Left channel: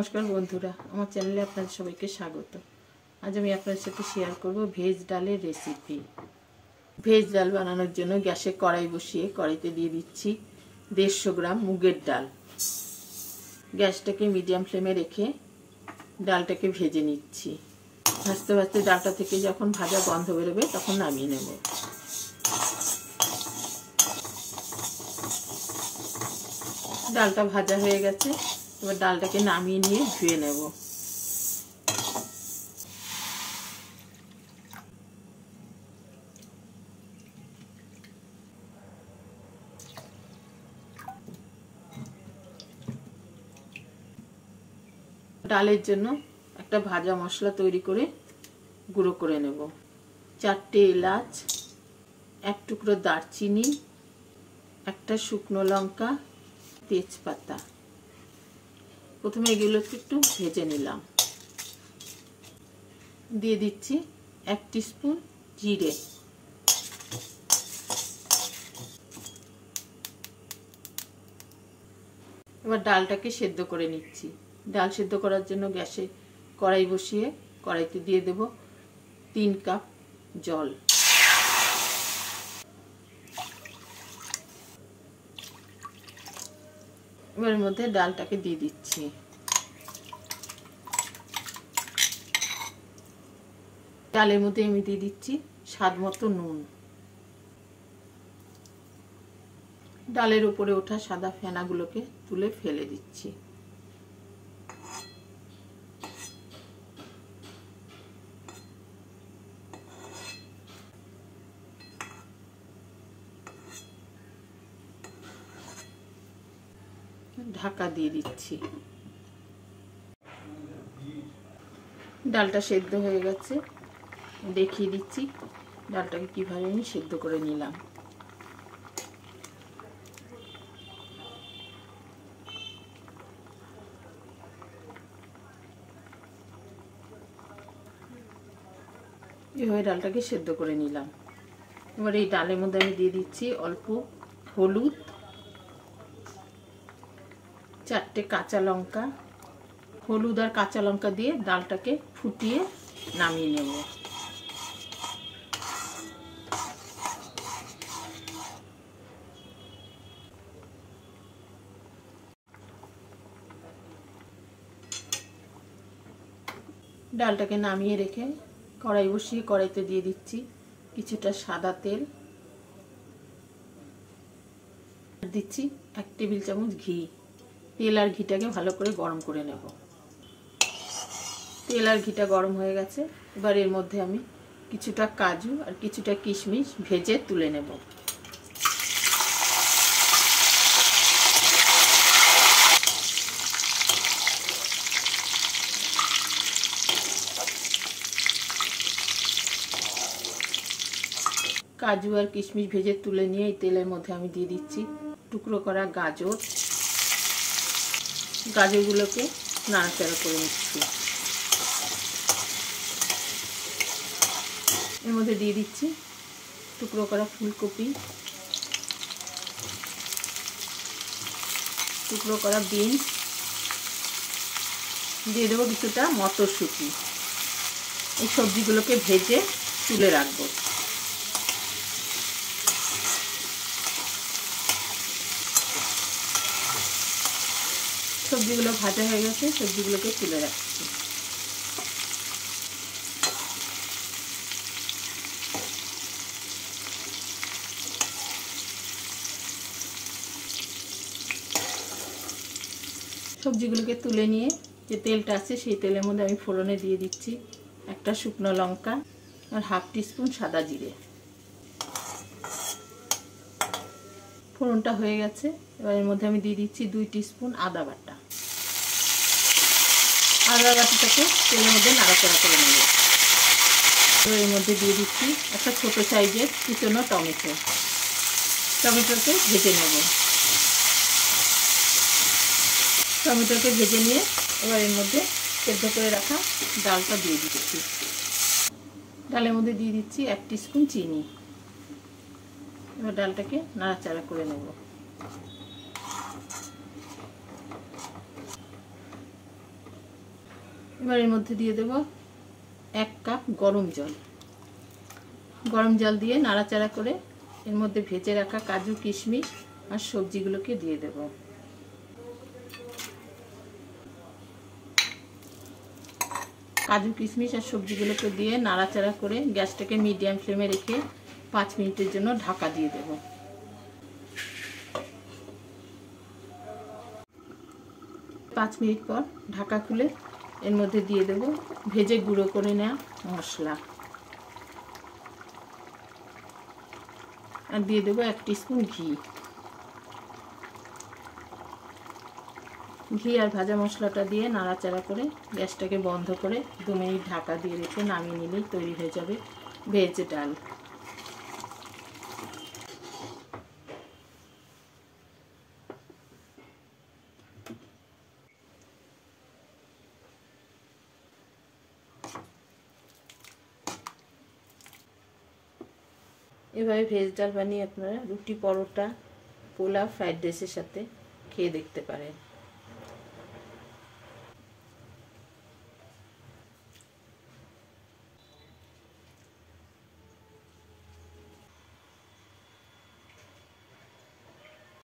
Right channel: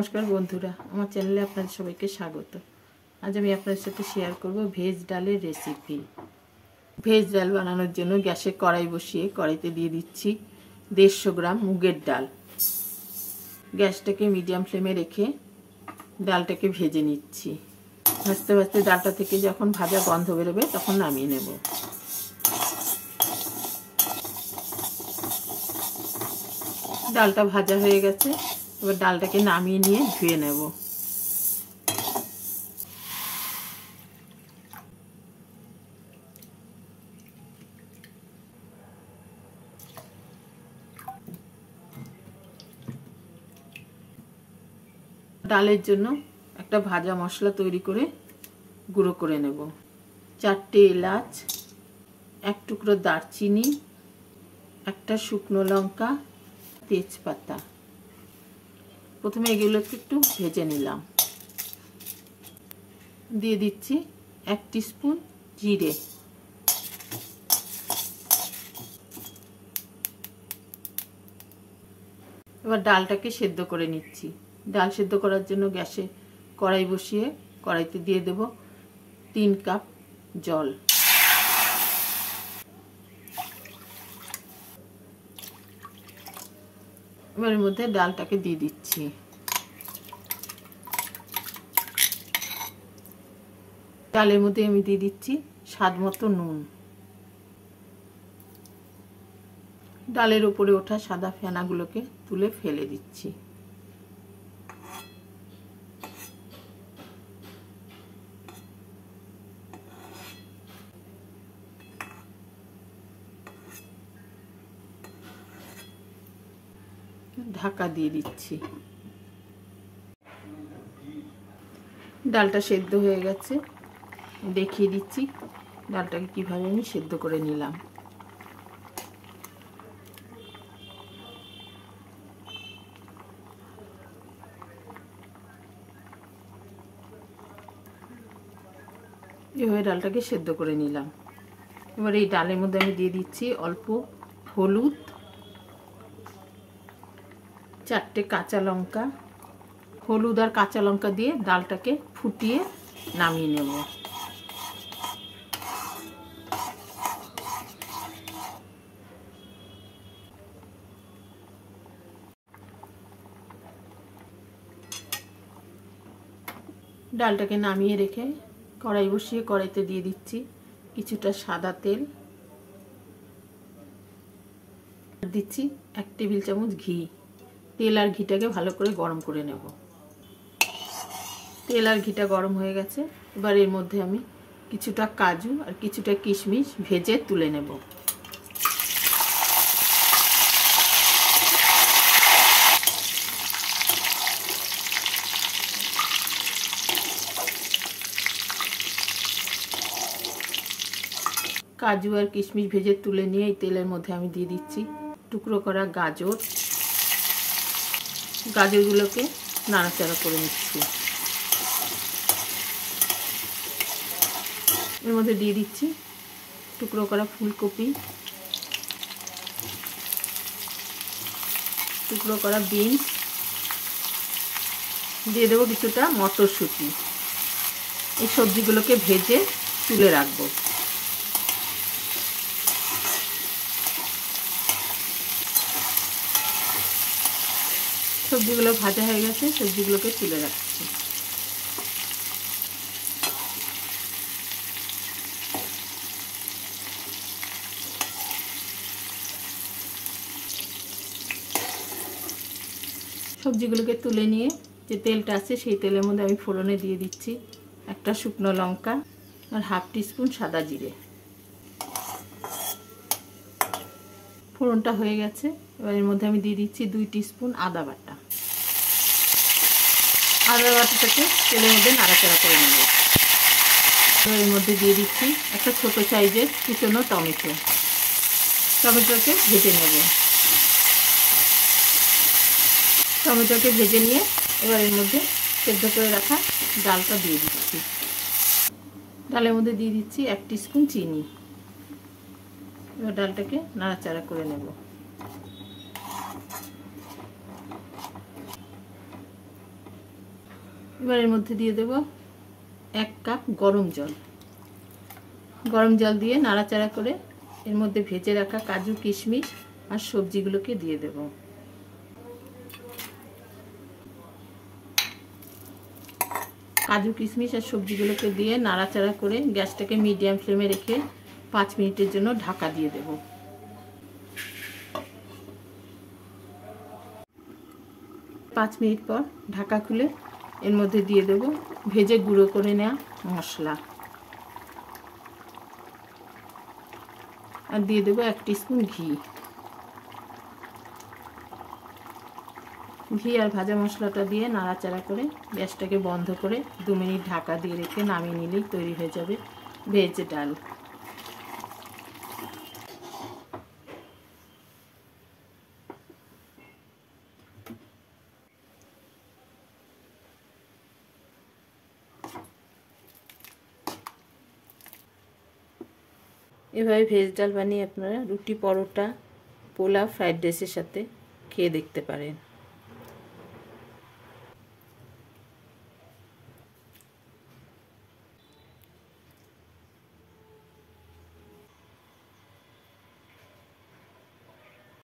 নমস্কার বন্ধুরা, আমার চ্যানেলে আপনাদের সবাইকে স্বাগত। আজ আমি আপনাদের সাথে শেয়ার করব ভেজ ডালের রেসিপি। ভেজ ডাল বানানোর জন্য গ্যাসে কড়াই বসিয়ে কড়াইতে দিয়ে দিচ্ছি 150 গ্রাম মুগের ডাল। গ্যাসটাকে মিডিয়াম ফ্লেমে রেখে ডালটাকে ভেজে নিচ্ছি। ভাজতে ভাজতে ডালটা থেকে যখন ভাজা গন্ধ বেরোবে তখন নামিয়ে নেব। ডালটা ভাজা হয়ে গেছে, এবার ডালটাকে নামিয়ে নিয়ে ধুয়ে নেব। ডালের জন্য একটা ভাজা মশলা তৈরি করে গুঁড়ো করে নেব। 4টে এলাচ, 1 টুকরো দারচিনি, একটা শুকনো লঙ্কা, তেজপাতা। প্রথমে এগুলোকে একটু ভেজে নিলাম। দিয়ে দিচ্ছি 1 টিস্পুন জিরে। এবার ডালটাকে সেদ্ধ করে নিচ্ছি। ডাল সেদ্ধ করার জন্য গ্যাসে কড়াই বসিয়ে কড়াইতে দিয়ে দেব 3 কাপ জল। এর মধ্যে ডালটাকে দিয়ে দিচ্ছি। ডালের মধ্যে আমি দিয়ে দিচ্ছি স্বাদ মতো নুন। ডালের উপরে ওঠা সাদা ফেনাগুলোকে তুলে ফেলে দিচ্ছি। ঢাকা দিয়ে দিচ্ছি। ডালটা সেদ্ধ হয়ে গেছে, দেখিয়ে দিচ্ছি ডালটাকে কিভাবে আমি সেদ্ধ করে নিলাম। এভাবে ডালটাকে সেদ্ধ করে নিলাম। এবার এই ডালের মধ্যে আমি দিয়ে দিচ্ছি অল্প হলুদ, 4টে কাঁচা লঙ্কা। হলুদ আর কাঁচা লঙ্কা দিয়ে ডালটাকে ফুটিয়ে নামিয়ে নেব। ডালটাকে নামিয়ে রেখে কড়াই বসিয়ে কড়াইতে দিয়ে দিচ্ছি কিছুটা সাদা তেল। দিচ্ছি 1 টেবিল চামচ ঘি। তেল আর ঘিটাকে ভালো করে গরম করে নেব। তেল আর ঘিটা গরম হয়ে গেছে, এবার এর মধ্যে আমি কিছুটা কাজু আর কিছুটা কিশমিশ ভেজে তুলে নেব। কাজু আর কিশমিশ ভেজে তুলে নিয়ে এই তেলের মধ্যে আমি দিয়ে দিচ্ছি টুকরো করা গাজর। গাজরগুলোকে নাড়াচাড়া করে নিচ্ছি। এর মধ্যে দিয়ে দিচ্ছি টুকরো করা ফুলকপি, টুকরো করা বিনস, দিয়ে দেবো কিছুটা মটরশুঁটি। এই সবজিগুলোকে ভেজে তুলে রাখবো। সবজিগুলো ভাজা হয়ে গেছে, সবজিগুলোকে তুলে রাখছি। সবজিগুলোকে তুলে নিয়ে যে তেলটা আছে সেই তেলের মধ্যে আমি ফোড়নে দিয়ে দিচ্ছি একটা শুকনো লঙ্কা আর 1/2 টিস্পুন সাদা জিরে। ফোড়নটা হয়ে গেছে, এবার এর মধ্যে আমি দিয়ে দিচ্ছি 2 টিস্পুন আদা বাটা। আদা বাটাটাকে তেলের মধ্যে নাড়াচাড়া করে নেব। এর মধ্যে দিয়ে দিচ্ছি একটা ছোট সাইজের কুচনো টমেটো। টমেটোকে ভেজে নেব। টমেটোকে ভেজে নিয়ে এবার এর মধ্যে সেদ্ধ করে রাখা ডালটা দিয়ে দিচ্ছি। ডালের মধ্যে দিয়ে দিচ্ছি 1 টিস্পুন চিনি। এবার ডালটাকে নাড়াচাড়া করে নেব। এবার এর মধ্যে দিয়ে দেব 1 কাপ গরম জল। গরম জল দিয়ে নাড়াচাড়া করে এর মধ্যে ভেজে রাখা কাজু কিশমিশ আর সবজিগুলোকে দিয়ে দেব। কাজু কিশমিশ আর সবজিগুলোকে দিয়ে নাড়াচাড়া করে গ্যাসটাকে মিডিয়াম ফ্লেমে রেখে 5 মিনিটের জন্য ঢাকা দিয়ে দেব। 5 মিনিট পর ঢাকা খুলে এর মধ্যে দিয়ে দেব ভেজে গুঁড়ো করে নেওয়া মশলা আর দিয়ে দেবো 1 টিস্পুন ঘি। ঘি আর ভাজা মশলাটা দিয়ে নাড়াচাড়া করে গ্যাসটাকে বন্ধ করে 2 মিনিট ঢাকা দিয়ে রেখে নামিয়ে নিলেই তৈরি হয়ে যাবে ভেজ ডাল। এভাবে ভেজ ডাল বানিয়ে আপনারা রুটি, পরোটা, পোলাও, ফ্রাইড রাইসের সাথে খেয়ে দেখতে পারেন।